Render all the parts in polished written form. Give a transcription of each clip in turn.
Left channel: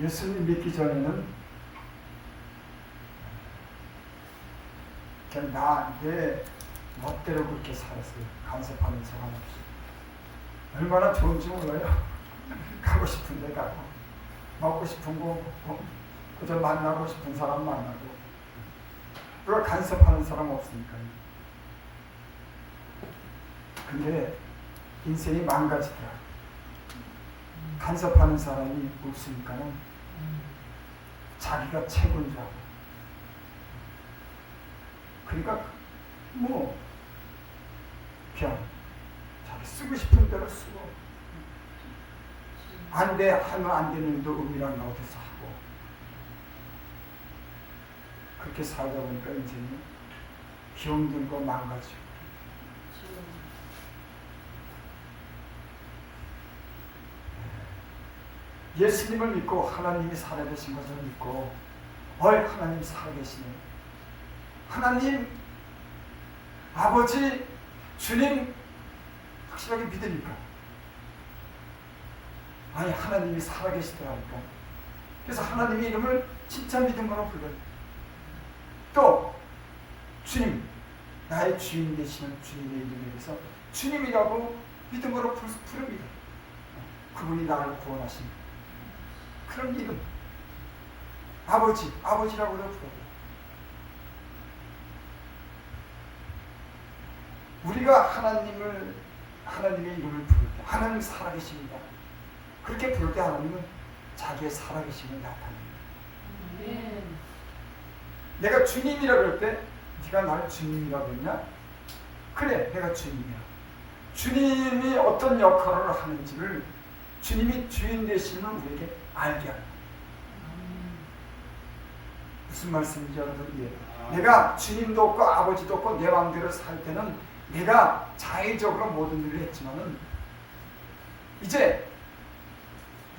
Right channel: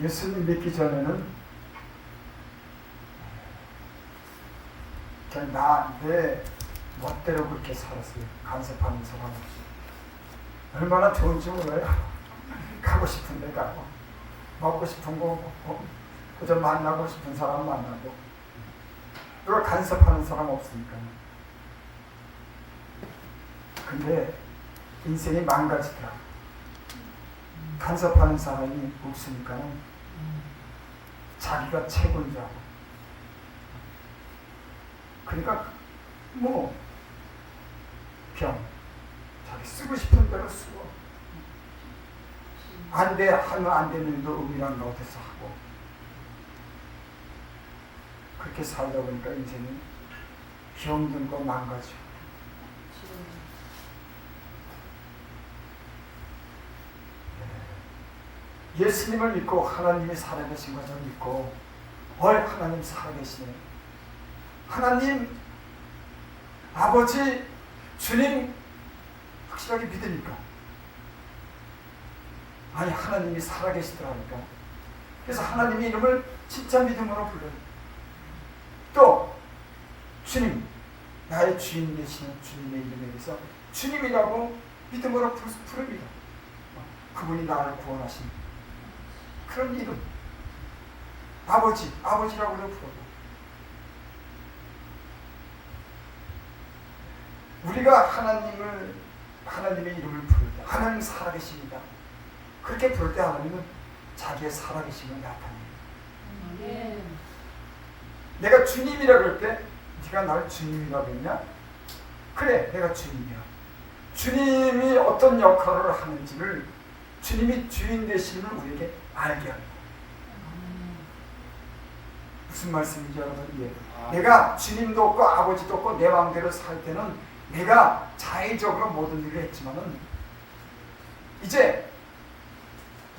예수님 믿기 전에는 그냥 내 멋대로 그렇게 살았어요. 간섭하는 사람 없이. 얼마나 좋은지 몰라요. 가고 싶은 데 가고, 먹고 싶은 거 먹고, 그저 만나고 싶은 사람 만나고, 그걸 간섭하는 사람 없으니까. 근데 인생이 망가지더라. 간섭하는 사람이 없으니까는 자기가 최고인 줄 알아. 그러니까 뭐 그냥 자기 쓰고 싶은 대로 쓰고, 안 돼 하면 안 되는 일도 의미란 어디서 하고, 그렇게 살다 보니까 인생이 병들고 망가지고. 예수님을 믿고 하나님이 살아계신 것을 믿고, 하나님 살아계시네, 하나님 아버지 주님 확실하게 믿으니까, 아니 하나님이 살아계시더라니까. 그래서 하나님의 이름을 진짜 믿음으로 불러요. 또 주님, 나의 주인 되시는 주님의 이름에 대해서 주님이라고 믿음으로 부릅니다. 그분이 나를 구원하신 그런 이름, 아버지라고도 부르고. 우리가 하나님의 이름을 부를 때, 하나님 살아계십니다, 그렇게 부를 때 하나님은 자기의 살아계심을 나타냅니다. 내가 주님이라 그럴 때, 네가 나를 주님이라고 했냐? 그래, 내가 주님이야. 주님이 어떤 역할을 하는지를, 주님이 주인 되심을 우리에게 알게 합니다. 무슨 말씀인지 여러분 이해해요? 내가 주님도 없고 아버지도 없고 내 마음대로 살 때는 내가 자의적으로 모든 일을 했지만은, 이제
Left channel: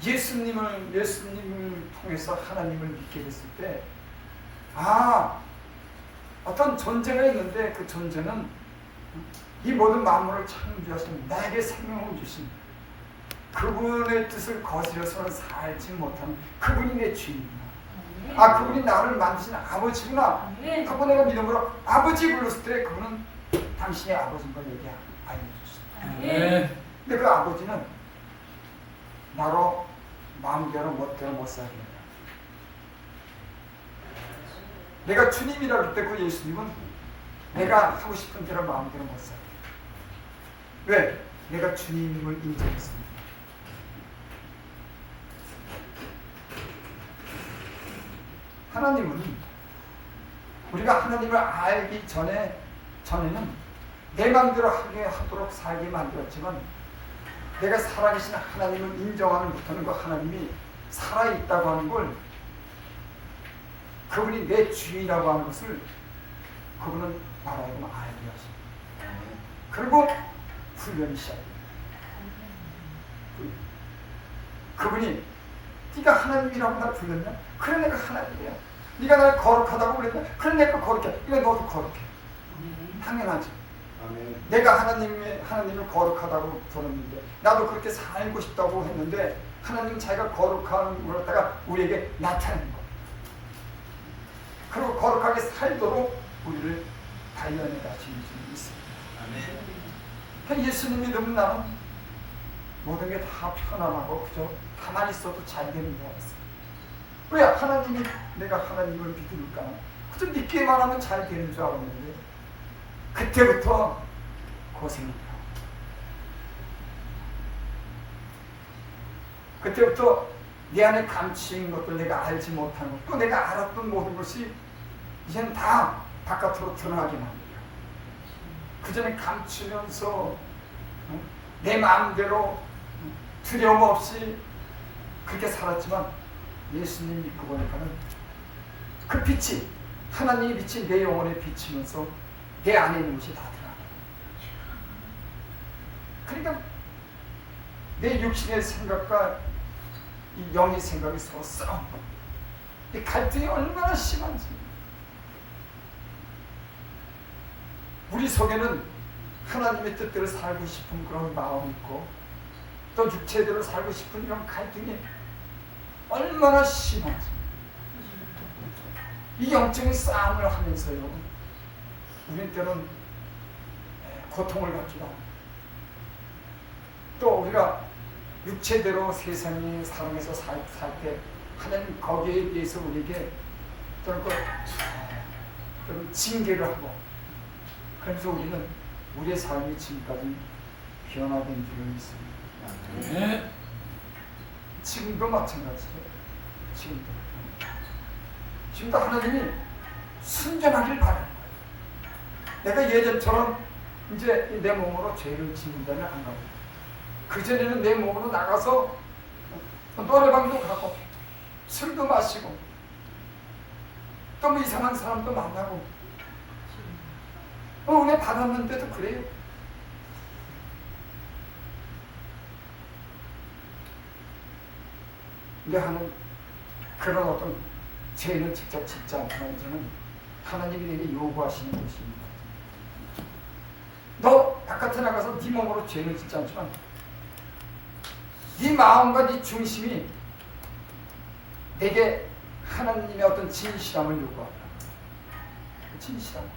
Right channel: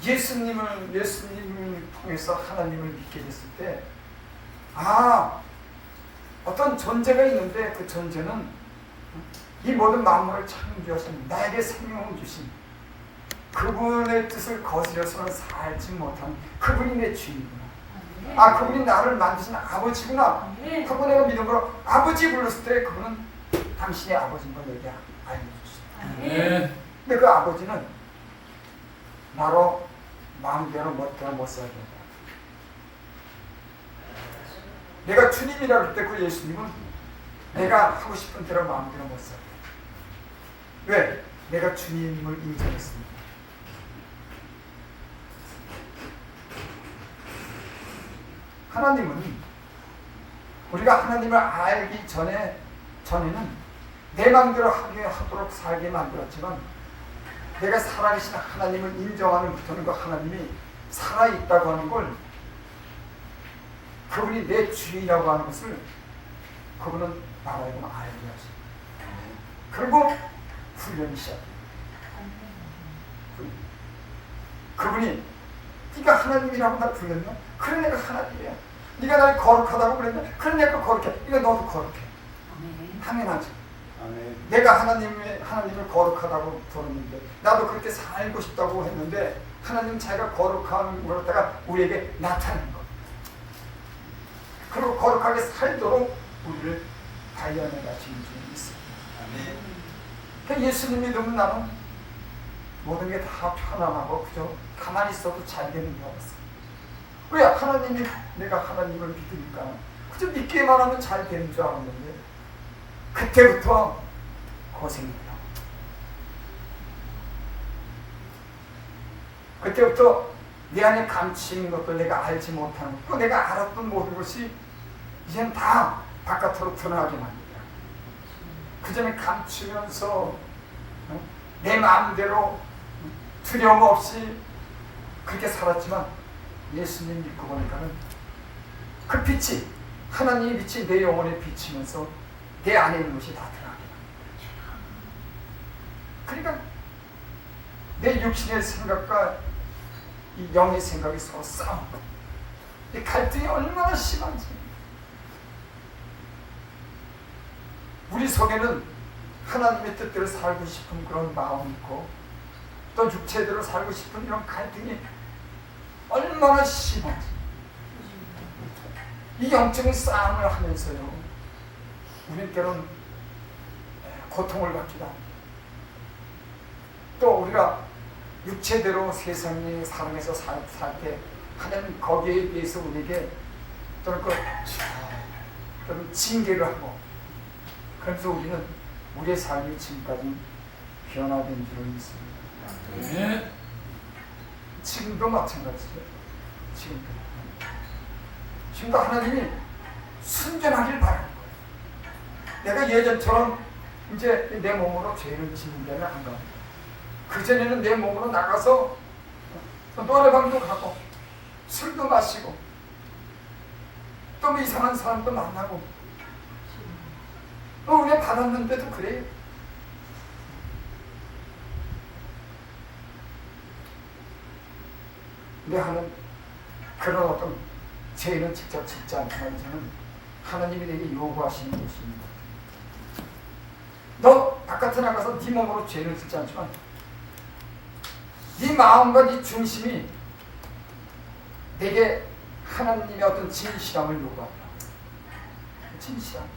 예수님을 통해서 하나님을 믿게 됐을 때, 어떤 존재가 있는데, 그 존재는 이 모든 만물을 창조하신, 나에게 생명을 주신 그분의 뜻을 거스려서는 살지 못하는 그분이 내 주인이구나. 그분이 나를 만드신 아버지구나 하고 내가 믿음으로 아버지 불렀을 때, 그분은 당신의 아버지인 걸 내게 알려주시다. 근데 그 아버지는 나로 마음대로 멋대로 못 살게 된다. 내가 주님이라 그럴 때 그 예수님은 내가 하고 싶은 대로 마음대로 못 살게. 왜? 내가 주님을 인정했습니다. 하나님은 우리가 하나님을 알기 전에는 내 마음대로 하도록 살게 만들었지만, 내가 살아계신 하나님을 인정하는 부터는 그 하나님이 살아있다고 하는 걸, 그분이 내 주인이라고 하는 것을 그분은 나라에게 알게 하십니다. 그리고 훈련이 시작됩니다. 그분이 네가 하나님이라고 날 불렀냐? 그래, 내가 하나님이야. 네가 날 거룩하다고 그랬냐? 그래, 내가 거룩해. 이거 너도 거룩해. 당연하지. 내가 하나님을 거룩하다고 부르는데, 나도 그렇게 살고 싶다고 했는데, 하나님 자기가 거룩한 걸 갖다가 우리에게 나타낸 거예요. 그리고 거룩하게 살도록 우리를 단련해 가시는 분이 있습니다. 그러니까 예수님 믿으면 나는 모든 게 다 편안하고 그저 가만히 있어도 잘 되는 줄 알았어요. 왜? 하나님이, 내가 하나님을 믿으니까 그저 믿기만 하면 잘 되는 줄 알았는데, 그때부터 고생이더라. 그때부터 내 안에 감추인 것도 내가 알지 못하는 것, 또 내가 알았던 모든 것이 이제는 다 바깥으로 드러나게 만들어요. 그 전에 감추면서 내 마음대로 두려움 없이 그렇게 살았지만, 예수님 믿고 보니까는 그 빛이, 하나님의 빛이 내 영혼에 비치면서 내 안에 있는 것이 다 드러나게. 그러니까 내 육신의 생각과 이 영의 생각이 서로 싸우는 거예요. 이 갈등이 얼마나 심한지. 우리 속에는 하나님의 뜻대로 살고 싶은 그런 마음이 있고, 또 육체대로 살고 싶은 이런 갈등이 얼마나 심하지. 이 영적인 싸움을 하면서요, 우리는 때로는 고통을 받기도 하고, 또 우리가 육체대로 세상에 사랑해서 살 때 하는 거기에 대해서 우리에게 또는 또는 징계를 하고, 그래서 우리는 우리의 삶이 지금까지 변화된 줄을 믿습니다. 네. 지금도 마찬가지죠. 지금도 하나님이 순전하길 바라는 거예요. 내가 예전처럼 이제 내 몸으로 죄를 짓는 데는 안 가고, 그전에는 내 몸으로 나가서 노래방도 가고 술도 마시고 또 뭐 이상한 사람도 만나고 은혜 받았는데도 그래요. 근데 하는 그런 어떤 죄는 직접 짓지 않지만 저는 하나님이 내게 요구하시는 것입니다. 너 바깥에 나가서 네 몸으로 죄는 짓지 않지만 네 마음과 네 중심이 내게 하나님의 어떤 진실함을 요구한다. 진실함.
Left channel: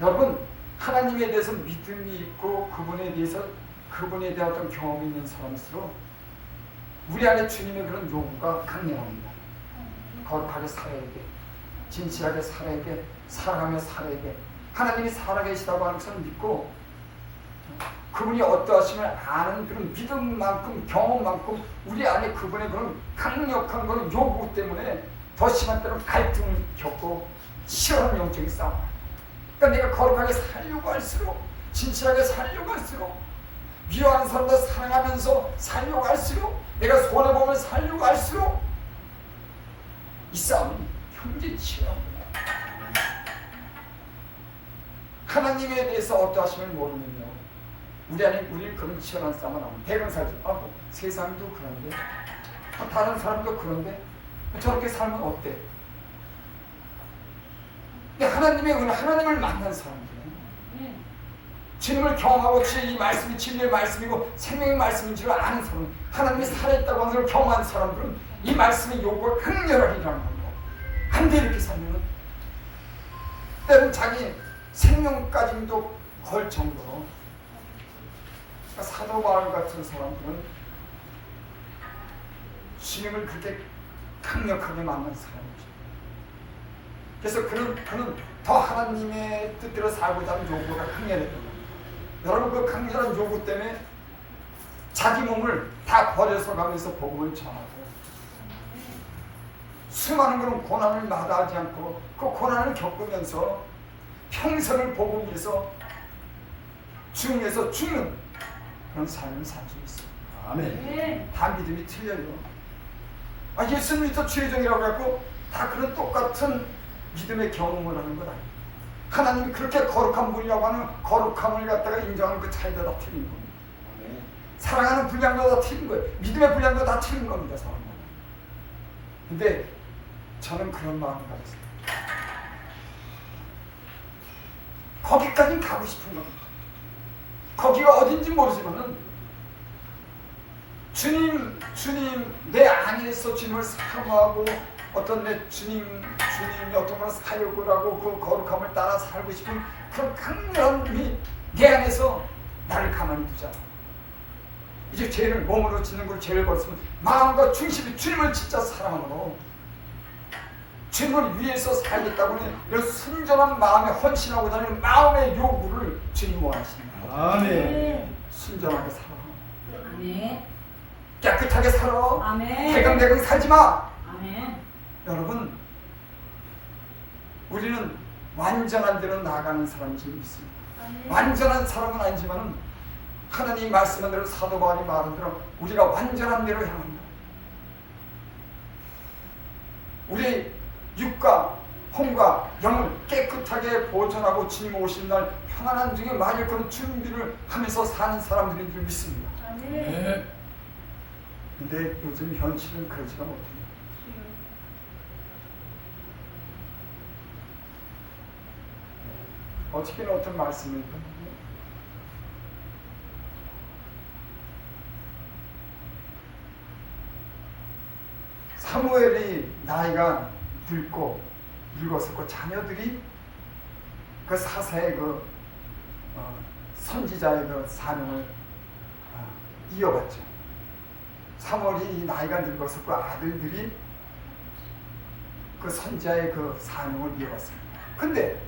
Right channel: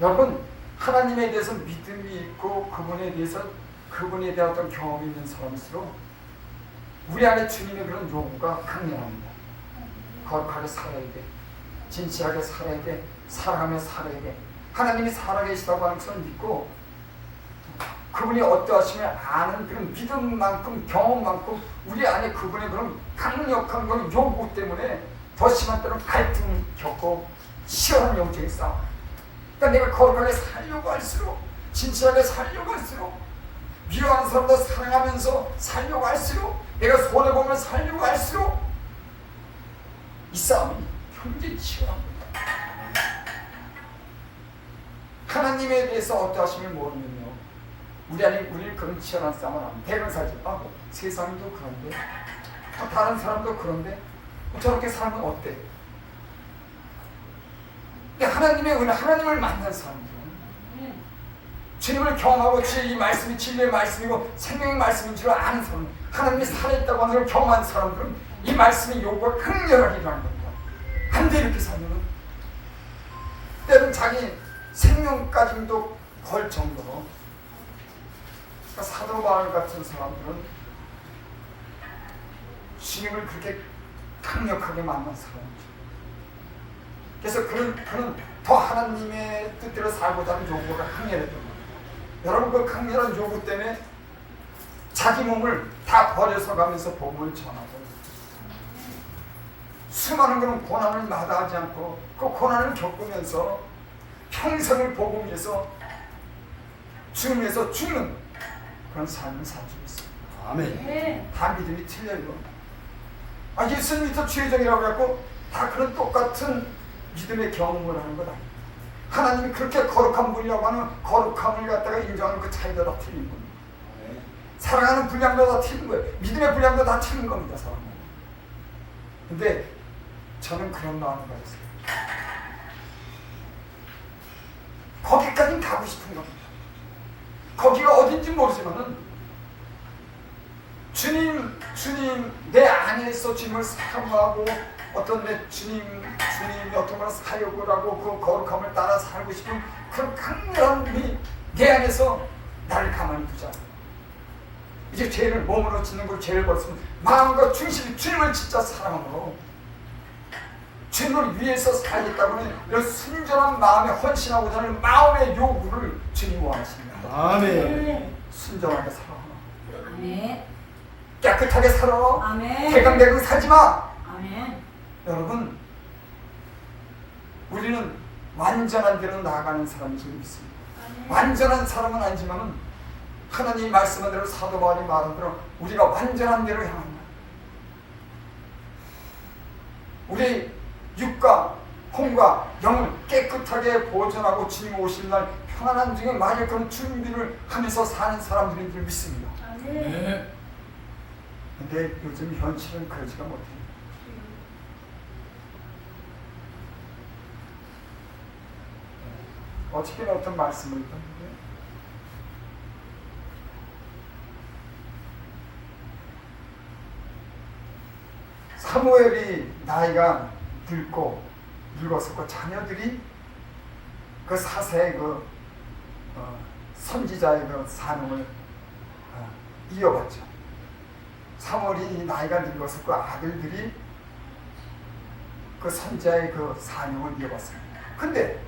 여러분, 하나님에 대해서 믿음이 있고 그분에 대한 어떤 경험이 있는 사람일수록 우리 안에 주님의 그런 요구가 강렬합니다. 거룩하게 살아야 돼. 진실하게 살아야 돼. 사랑하며 살아야 돼. 하나님이 살아계시다고 하는 것을 믿고 그분이 어떠하시면 아는 그런 믿음만큼 경험만큼 우리 안에 그분의 그런 강력한 그런 요구 때문에 더 심한 때는 갈등을 겪고 치열한 영적인 싸움. 그러니까 내가 거룩하게 살려고 할수록, 진실하게 살려고 할수록, 미워하는 사람도 사랑하면서 살려고 할수록, 내가 손해보면 살려고 할수록 이 싸움이 굉장히 치열합니다. 하나님에 대해서 어떠하심을 모르면요, 우리는 그런 치열한 싸움을 합니다. 대강사지. 뭐 세상도 그런데, 다른 사람도 그런데 저렇게 살면 어때? 근데 하나님의 은혜, 하나님을 만난 사람들은 주님을 경험하고 이 말씀이 진리의 말씀이고 생명의 말씀인 줄 아는 사람, 하나님이 살아있다고 하는 걸 경험한 사람들은 이 말씀의 요구가 강렬하리라는 겁니다. 안 돼, 이렇게 살면 때로는 자기 생명까지도 걸 정도로. 그러니까 사도 바울 같은 사람들은 주님을 그렇게 강력하게 만난 사람이죠. 그래서 그는 더 하나님의 뜻대로 살고자 하는 요구가 강렬했던 거예요. 여러분, 그 강렬한 요구 때문에 자기 몸을 다 버려서 가면서 복음을 전하고 수많은 그런 고난을 마다하지 않고 그 고난을 겪으면서 평생을 복음 위해서 주님에서 주는 그런 삶을 살고 있어요. 아멘. 다 믿음이 틀려요. 예수님부터 죄정이라고 해갖고 다 그런 똑같은 믿음의 경험을 하는 것 아니에요. 하나님이 그렇게 거룩한 분이라고 하는 거룩함을 갖다가 인정하는 그 차이도 다 틀린 겁니다. 사랑하는 분량도 다 틀린 거예요. 믿음의 분량도 다 틀린 겁니다, 사람은. 근데 저는 그런 마음을 가졌어요. 거기까지는 가고 싶은 겁니다. 거기가 어딘지 모르지만은 주님 내 안에서 주님을 사모하고 어떤 내 주님이 어떤 그런 사역을 하고 그 거룩함을 따라 살고 싶은 그런 강렬한 힘이 내 안에서 나를 가만히 두지 않아. 이제 죄를 몸으로 짓는 걸 죄를 벌었으면 마음과 중심이 주님을 진짜 사랑으로 주님을 위해서 살겠다고 하는 이런 순전한 마음에 헌신하고자 하는 마음의 요구를 주님이 원하십니다. 아멘. 순전하게 살아. 아멘. 깨끗하게 살아. 아멘. 대강대강 살지 마. 아멘. 여러분, 우리는 완전한 대로 나아가는 사람인 줄 믿습니다. 아멘. 완전한 사람은 아니지만 하나님이 말씀한 대로 사도 바울이 말한 대로 우리가 완전한 대로 향한다. 우리 육과 혼과 영을 깨끗하게 보존하고 주님 오신 날 평안한 중에 만약 그런 준비를 하면서 사는 사람들인 줄 믿습니다. 네. 근데 요즘 현실은 그러지가 못해요. 어떻게 어떤 말씀을 나이가 늙었었고 자녀들이 그 사세의 선지자의 그 사명을 이어갔죠. 사무엘이 나이가 늙었었고 아들들이 그 선지자의 그 사명을 이어갔습니다. 근데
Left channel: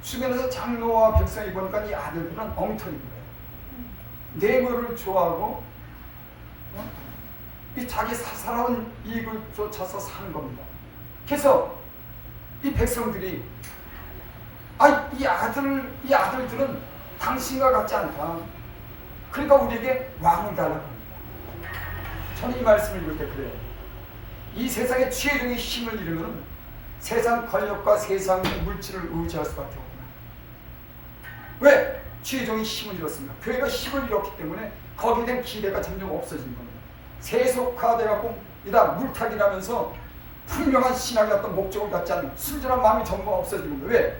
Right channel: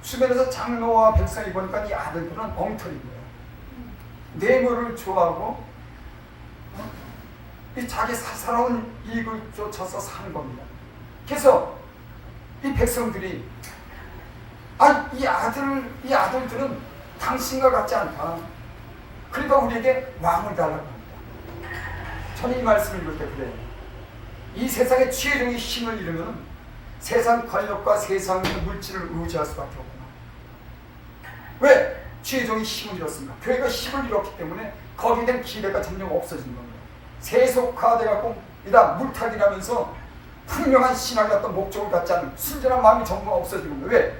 주변에서 장로와 백성이 보니까 이 아들들은 엉터리인 거예요. 뇌물을 좋아하고 이 자기 사사로운 이익을 쫓아서 사는 겁니다. 그래서 이 백성들이 이 아들들은 당신과 같지 않다. 그러니까 우리에게 왕을 달라고 합니다. 저는 이 말씀을 읽을 때 그래요. 이 세상에 최종의 힘을 잃으면 세상 권력과 세상의 물질을 의지할 수밖에 없구나. 왜? 최종의 힘을 잃었습니까? 교회가 힘을 잃었기 때문에 거기에 대한 기대가 점점 없어지는 겁니다. 세속화돼갖고 이다 물타기라면서 분명한 신앙의 어떤 목적을 갖지 않은 순전한 마음이 전부 없어지는 거예요. 왜?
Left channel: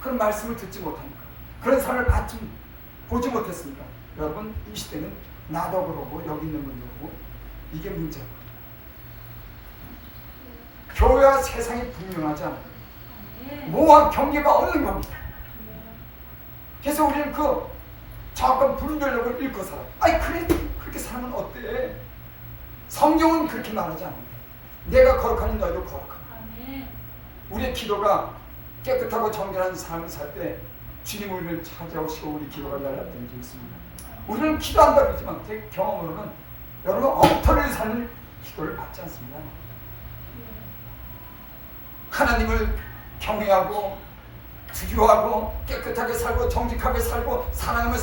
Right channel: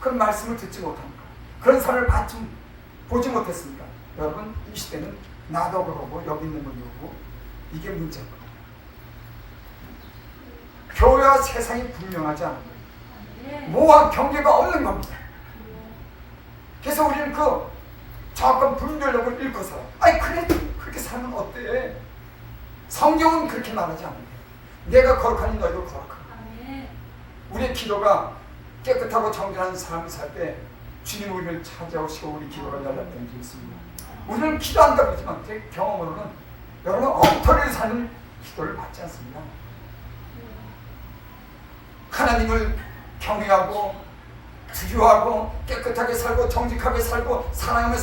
그런 말씀을 듣지 못하니까. 그런 삶을 보지 못했으니까. 여러분 이 시대는 나도 그러고 여기 있는 분도 그러고 이게 문제인 거예요. 교회와 세상이 분명하지 않은 거예요. 모호한 경계가 없는 겁니다. 그래서 우리는 그 정확한 분별력을 잃고 살아요. 그래 그렇게 살면 어때? 성경은 그렇게 말하지 않는데 내가 거룩하니 너희도 거룩하고 우리의 기도가 깨끗하고 정결한 삶을 살 때 주님 우리를 찾아오시고 우리 기도가 연락된 적이 있습니다. 우리는 기도한다 그러지만 제 경험으로는 여러분 엉터리를 사는 기도를 받지 않습니다. 하나님을 경외하고 두려워하고 깨끗하게 살고 정직하게 살고 사랑하며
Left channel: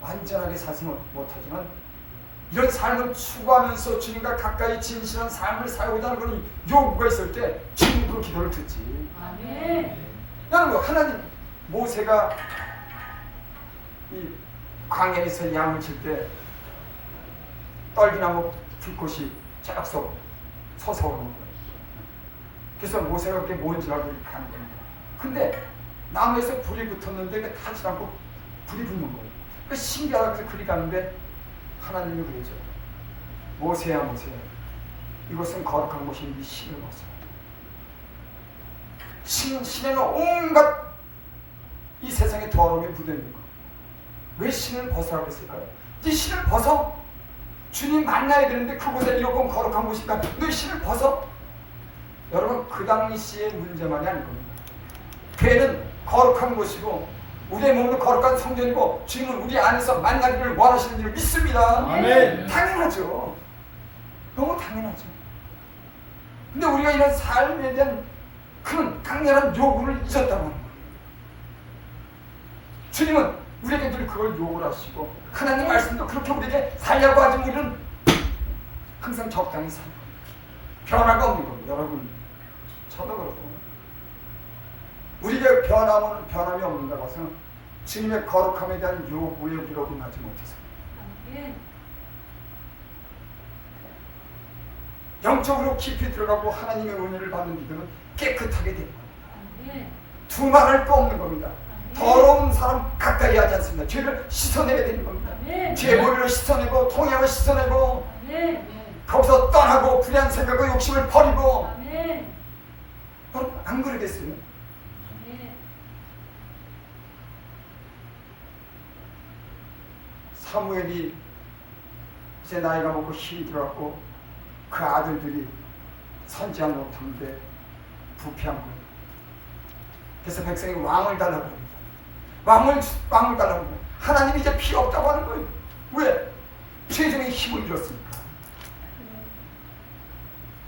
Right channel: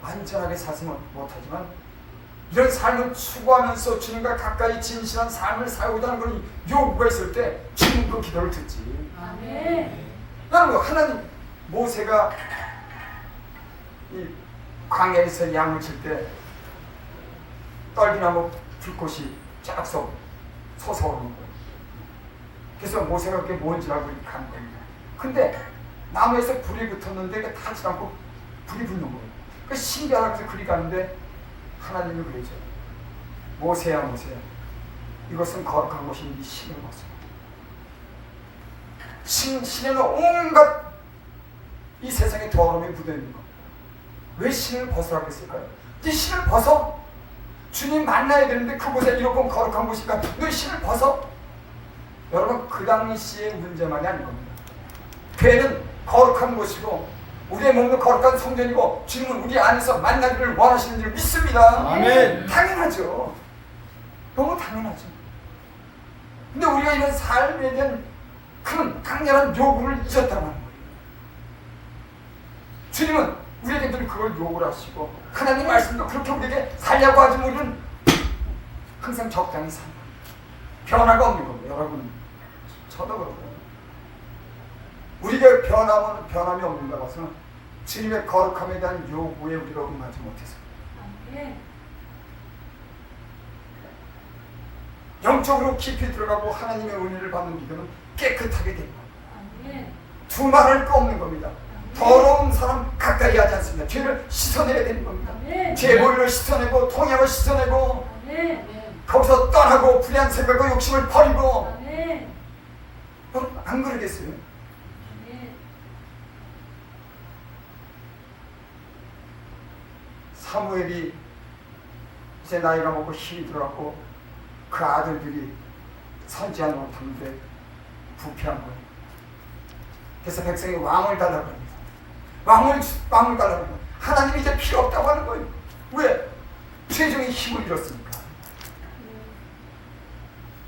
완전하게 살지는 못하지만 이런 삶을 추구하면서 주님과 가까이 진실한 삶을 살고자 하는 그런 요구가 있을 때 주님도 기도를 듣지. 아멘. 여러분 하나님 모세가 이 광야에서 양을 칠 때 떨기나무 불꽃이 쫙 서서 오는 거예요. 그래서 모세가 그게 뭔지 알고 이렇게 하는 겁니다. 근데 나무에서 불이 붙었는데 타지 않고 불이 붙는 거예요. 그 신기하게 그리 가는데 하나님은 그러죠. 모세야 모세야 이것은 거룩한 곳인데 신을 벗어. 신에는 온갖 이 세상에 더러움이 묻어있는 거. 왜 신을 벗으라고 했을까요? 네 신을 벗어. 주님 만나야 되는데 그곳에 이렇게 거룩한 곳이니까 너 신을 벗어. 여러분 그 당시의 문제만이 아닌 겁니다. 교회는 거룩한 곳이고 우리의 몸도 거룩한 성전이고 주님은 우리 안에서 만나기를 원하시는 줄 믿습니다. 아멘. 당연하죠. 너무 당연하죠. 근데 우리가 이런 삶에 대한 그런 강렬한 요구를 잊었다고 하는 거예요. 주님은 우리에게 늘 그걸 요구를 하시고 하나님 말씀도 그렇게 우리에게 살려고 하지만 우리는 항상 적당히 사는 거예요. 변화가 없는 겁니다. 여러분 저도 그렇고 우리가 변함이 없는가 봐서 주님의 거룩함에 대한 요구에 우리가 응하지 못해서 영적으로 깊이 들어가고 하나님의 은혜를 받는 믿음은 깨끗하게 됩니다. 두말할 거 없는 겁니다. 더러운 사람 가까이 하지 않습니다. 죄를 씻어내야 되는 겁니다. 죄 머리를 씻어내고 통행을 씻어내고 거기서 떠나고 불의한 생각과 욕심을 버리고 여러분 안 그러겠어요? 사무엘이 이제 나이가 먹고 힘이 들어갔고 그 아들들이 선지하지 못하는데 부패한 거예요. 그래서 백성이 왕을 달라고 합니다. 왕을 달라고 합니다. 하나님이 이제 필요 없다고 하는 거예요. 왜? 최종의 힘을 잃었으니까.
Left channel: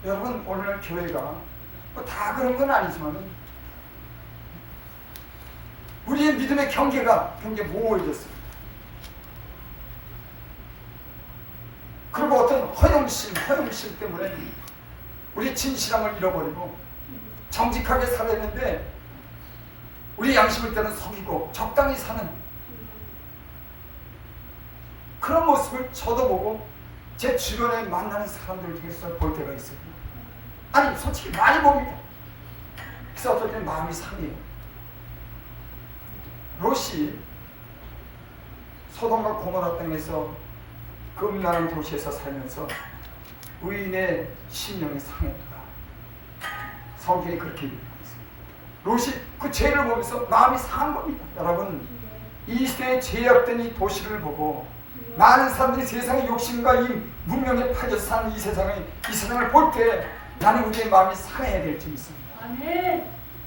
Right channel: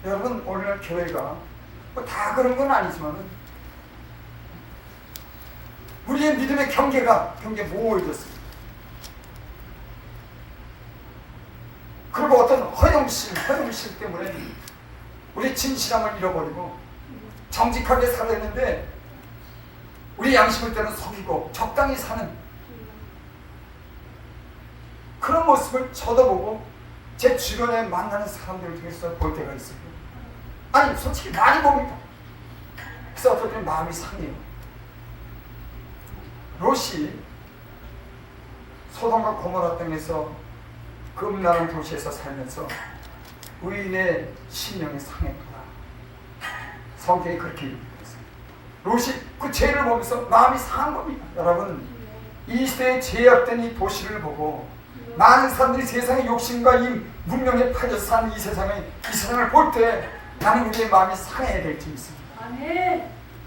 여러분 오늘날 교회가 뭐 다 그런 건 아니지만 우리의 믿음의 경계가 모호해졌어요. 그리고 어떤 허영심 때문에 우리 진실함을 잃어버리고 정직하게 살았는데 우리 양심을 때는 속이고 적당히 사는 그런 모습을 저도 보고 제 주변에 만나는 사람들 중에서 볼 때가 있어요. 아니 솔직히 많이 봅니다. 그래서 어떨 때는 마음이 상해요. 롯이 소돔과 고모라 땅에서 그 음란한 도시에서 살면서 의인의 심령이 상했구나. 성경이 그렇게 얘기하고 있습니다. 롯이 그 죄를 보면서 마음이 상한 겁니다. 여러분, 이 시대에 죄악된 이 도시를 보고 많은 사람들이 세상의 욕심과 이 문명에 빠져서 사는 이 세상을 볼 때 나는 우리의 마음이 상해야 될 줄 믿습니다.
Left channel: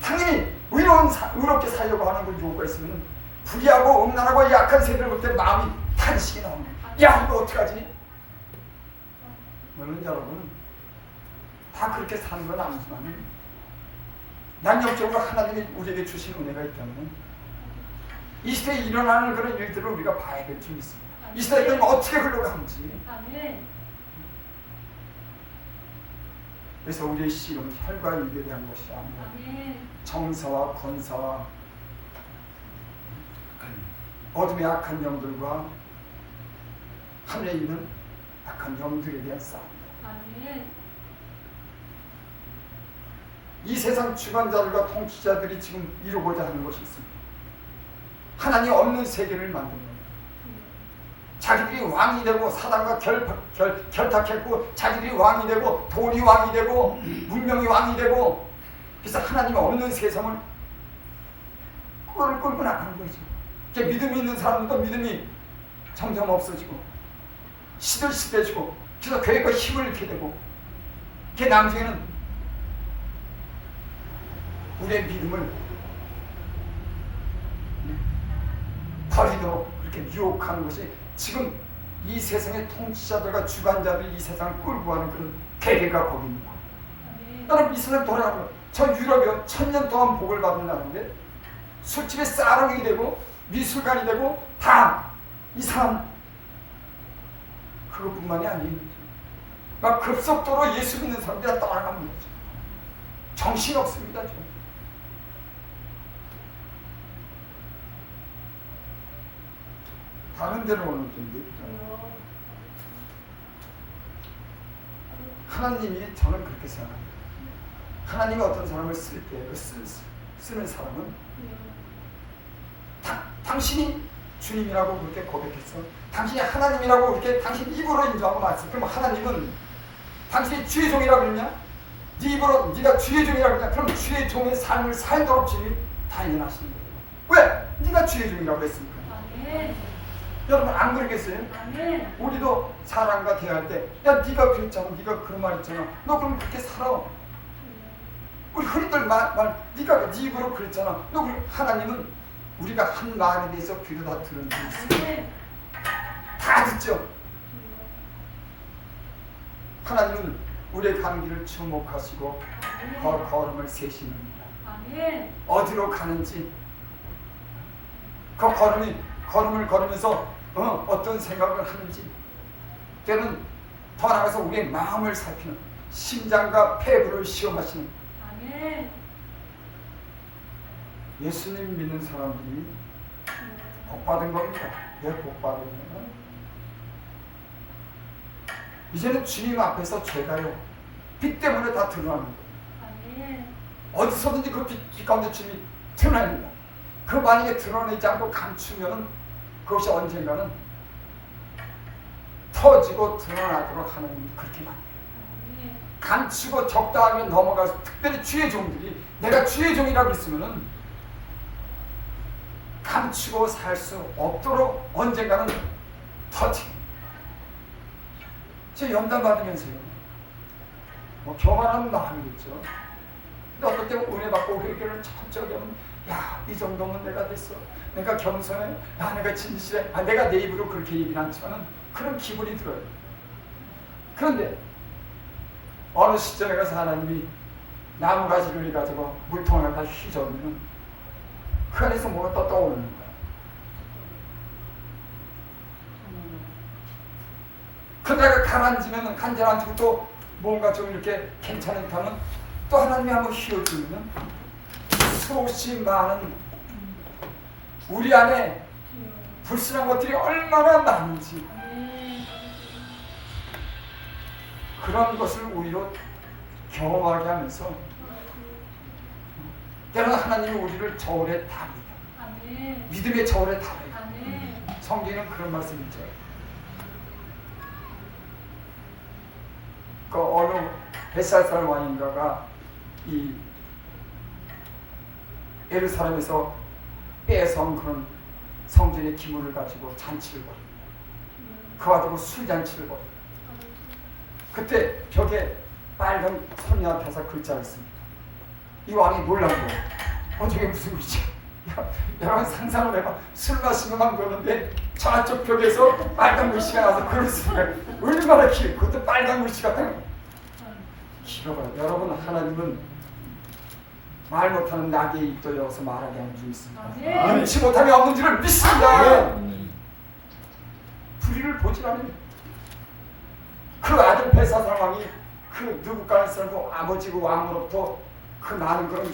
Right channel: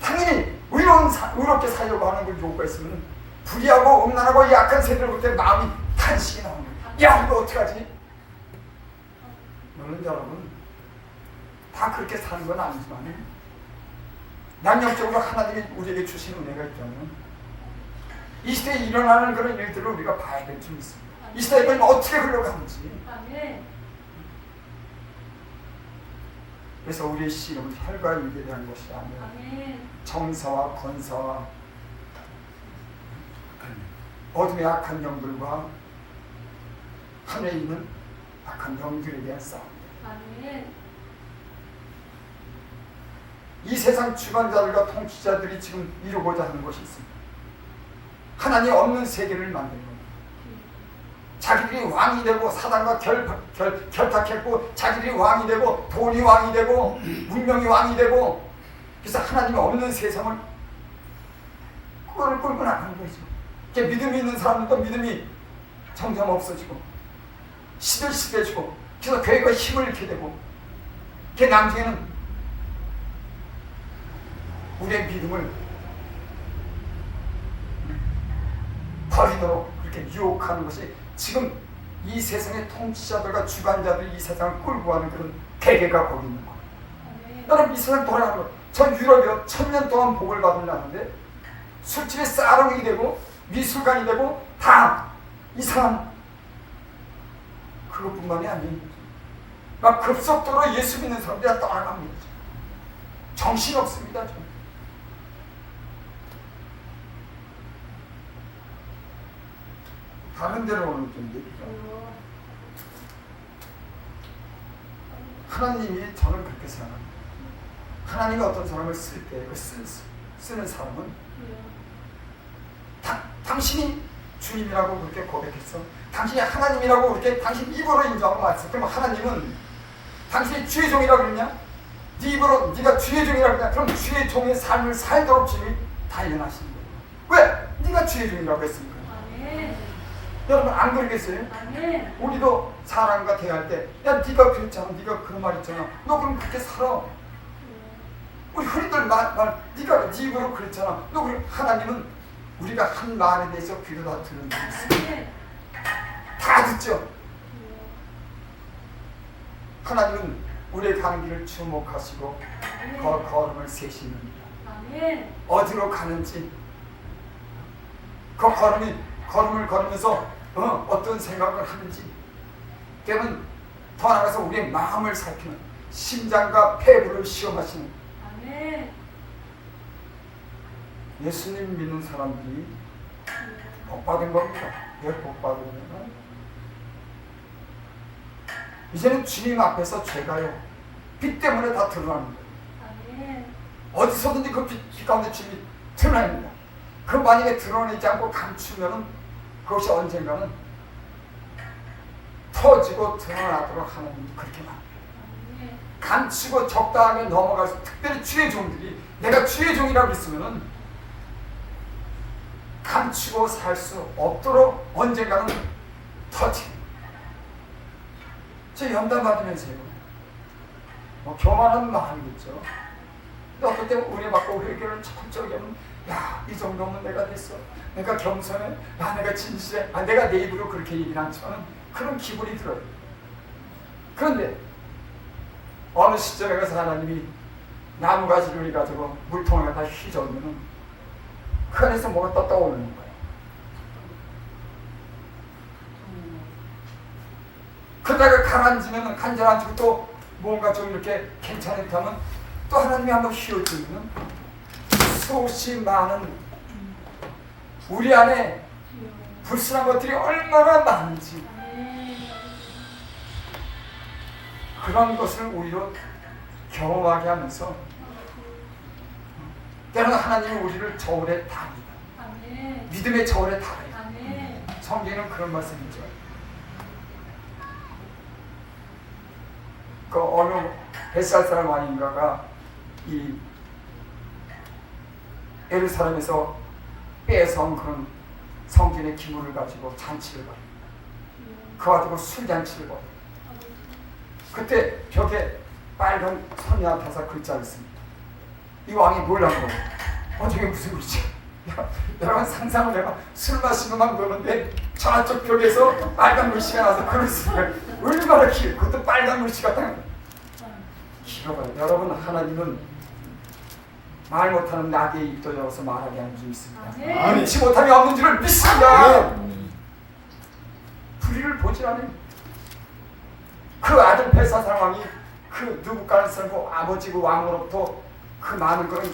당연히 의롭게 살려고 하는 그 요구가 있으면 불의하고 음란하고 약한 세대를 볼 때 마음이 탄식이 나옵니다. 야, 이거 어떡하지? 물론 여러분 다 그렇게 사는 건 아니지만 양력적으로 하나님이 우리에게 주신 은혜가 있다면 이 시대에 일어나는 그런 일들을 우리가 봐야 될 줄 믿습니다. 이 시대에 어떻게 흘러가는지. 그래서 우리의 씨름은 혈과 육에 대한 것이 아니라 정사와 권사와 어둠의 악한 영들과 하늘에 있는 악한 영들에 대한 싸움입니다. 이 세상 주관자들과 통치자들이 지금 이루고자 하는 것이 있습니다. 하나님 없는 세계를 만든 겁니다. 자기들이 왕이 되고 사단과 결탁했고 자기들이 왕이 되고 돈이 왕이 되고 문명이 왕이 되고 그래서 하나님 없는 세상을 끌고 나가는 거죠. 믿음이 있는 사람들도 믿음이 점점 없어지고 시들시들해지고 그래서 교회가 힘을 잃게 되고 그 나중에는 우리의 믿음을 버리도록 그렇게 유혹하는 것이 지금 이 세상의 통치자들과 주관자들이 이 세상을 끌고 가는 그런 계계가 거기 있는 거예요. 여러분 이 세상 돌아가는 거예요. 전 유럽이요 1000년 동안 복을 받은 나라인데 술집에 싸롱이 되고 미술관이 되고 다 이상한 그것뿐만이 아니에요. 막 급속도로 예수 믿는 사람들이 다 떠나갑니다. 정신없습니다. 다른 데로 오는 좀 얘기가 하나님이 저는 그렇게 생각합니다. 하나님이 어떤 사람을 쓸 때 그 쓰는 사람은 당신이 주님이라고 그렇게 고백했어. 당신이 하나님이라고 그렇게 당신 입으로 인정하고 말했어. 그럼 하나님은 당신이 주의 종이라고 그러냐? 네 입으로 네가 주의 종이라고 그러냐? 그럼 주의 종의 삶을 살도록 주님이 단련하시는 거예요. 왜? 네가 주의 종이라고 했으니까. 여러분 안 그러겠어요? 우리도 사람과 대화할 때 야 네가 그랬잖아, 네가 그런 말 했잖아, 너 그럼 그렇게 살아. 우리 흔히들 네가 네 입으로 그랬잖아, 너 그럼 하나님은 우리가 한 말에 대해서 귀로 다 들은 적이 있어요. 다 듣죠. 하나님은 우리의 가는 길을 주목하시고 걸음을 세시는다. 어디로 가는지 그 걸음을 걸으면서 어떤 생각을 하는지 때는 더 나아가서 우리의 마음을 살피는 심장과 폐부를 시험하시는 예수님 믿는 사람들이 복받은 겁니다. 왜 복받은 겁니까? 이제는 주님 앞에서 죄가요 빛 때문에 다 드러나는 거예요. 어디서든지 그 빛 가운데 주님이 드러납니다. 그 만약에 드러내지 않고 감추면 그것이 언젠가는 터지고 드러나도록 하는 그렇게 만들어요. 감추고 적당하게 넘어가서 특별히 주의 종들이 내가 주의 종이라고 했으면은 감추고 살 수 없도록 언젠가는 터지. 제 연단 받으면서요. 교만한 마음이겠죠. 근데 어떨 때 은혜 받고 회개를 천천히 하면 야, 이 정도면 내가 됐어. 내가 겸손해. 야, 내가 진실해. 내가 내 입으로 그렇게 얘기는 않지만 그런 기분이 들어요. 그런데 어느 시점에 가서 하나님이 나무가지를 가지고 물통을 갖다 휘저으면 그 안에서 뭐가 떠오르는 거야. 그러다가 가라앉으면 간절한지고 또 뭔가 좀 이렇게 괜찮을 하면 또 하나님이 한번 휘어주면 수없이 많은 우리 안에 불순한 것들이 얼마나 많은지 그런 것을 우리로 경험하게 하면서 때로는 하나님이 우리를 저울에 답니다. 믿음의 저울에 답니다. 성경에는 그런 말씀이죠. 그 어느 벳살 사람 왕인가가 이 예루살렘에서 뺏어온 그런 성전의 기물을 가지고 잔치를 벌여. 그거 가지고 술잔치를 벌여. 그때 벽에 빨간 선이 앞에서 글자를 씁니다. 이 왕이 놀란 거. 저게 무슨 글이지? 여러분 상상을 해봐. 술 마시고만 보는데 저쪽 벽에서 빨간 글씨가 나와서 글을 쓰면 얼마나 길. 그것도 빨간 글씨가 길어요. 여러분 하나님은 말 못하는 나귀의 입도 열어서 말하게 하는 줄 믿습니다. 눈치 못함이 없는 줄을 믿습니다. 불의를 보질 않아요. 그 아들 벨사 상황이 그 느부갓네살고 아버지고 왕으로부터 그 많은 그런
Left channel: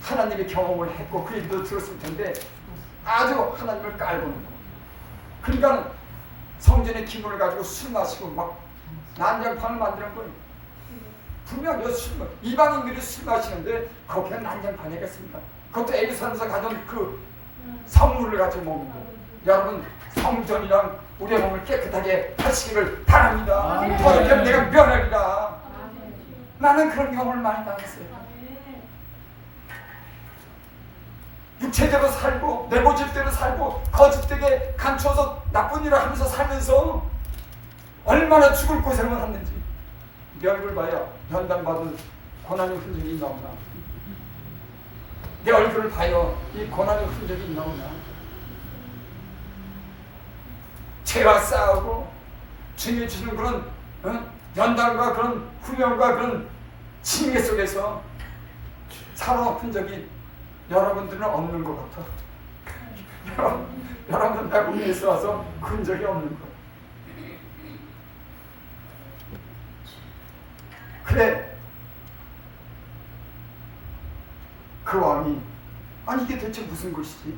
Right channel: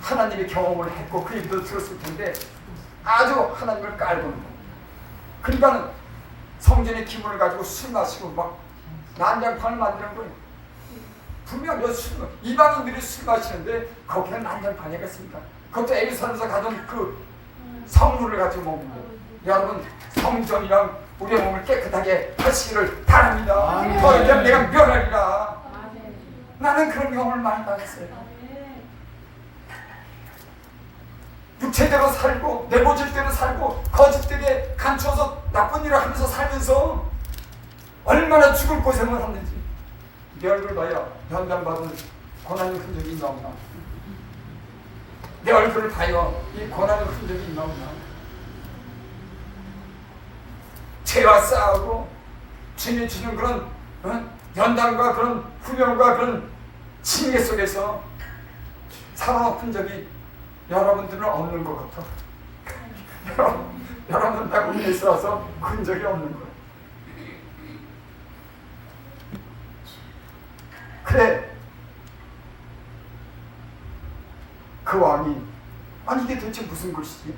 하나님의 경험을 했고 그 얘기도 들었을 텐데 아주 하나님을 깔보는 거. 그러니까 성전의 기물을 가지고 술 마시고 막 난장판을 만드는 거예요. 분명 이방인들이 술 마시는데 거기에 난장판이겠습니까? 그것도 예루살렘에서 가져온 그 성물을 가지고 먹는 거예요. 여러분 성전이랑 우리의 몸을 깨끗하게 하시기를 바랍니다. 더 이상 내가 면하리라. 나는 그런 경험을 많이 받았어요. 육체대로 살고 내 모집대로 살고 거짓되게 감춰서 나쁜 일을 하면서 살면서 얼마나 죽을 고생을 했는지 내 얼굴 봐야 연단받은 고난의 흔적이 있나 없나. 내 얼굴을 봐요 이 고난의 흔적이 있나 없나. 죄와 싸우고 주님이 주는 그런 연단과 그런 훈련과 그런 징계 속에서 살아온 흔적이 여러분들은 없는 것 같아. 여러분 나 국내에서 와서 흔적이 없는 거예요. 그래 그 왕이 아니 이게 도대체 무슨 글씨지?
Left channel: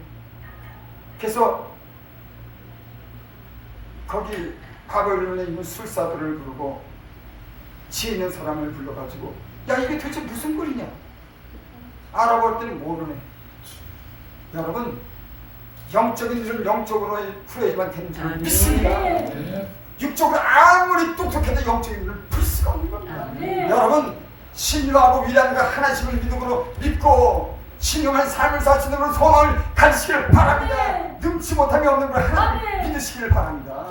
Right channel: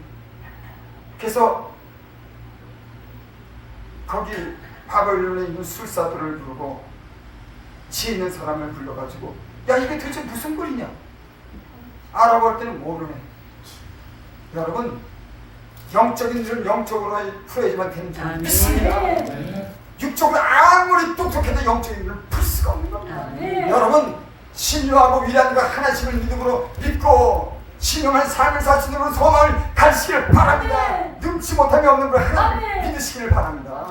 그래서 거기 바벨론에 있는 술사들을 부르고 지혜 있는 사람을 불러가지고 야 이게 도대체 무슨 글이냐? 알아볼 때는 모르네. 여러분 영적인 일은 영적으로 풀어야지만 되는 줄 믿습니다. 육적으로 아무리 똑똑해도 영적인 일을 풀 수가 없는 겁니다. 여러분 신유하고 위대한가 하나님을 믿고 신령한 삶을 사시는 으로 소망을 가지시길 바랍니다. 눈치 못함이 없는 걸 하나님 믿으시기를 바랍니다.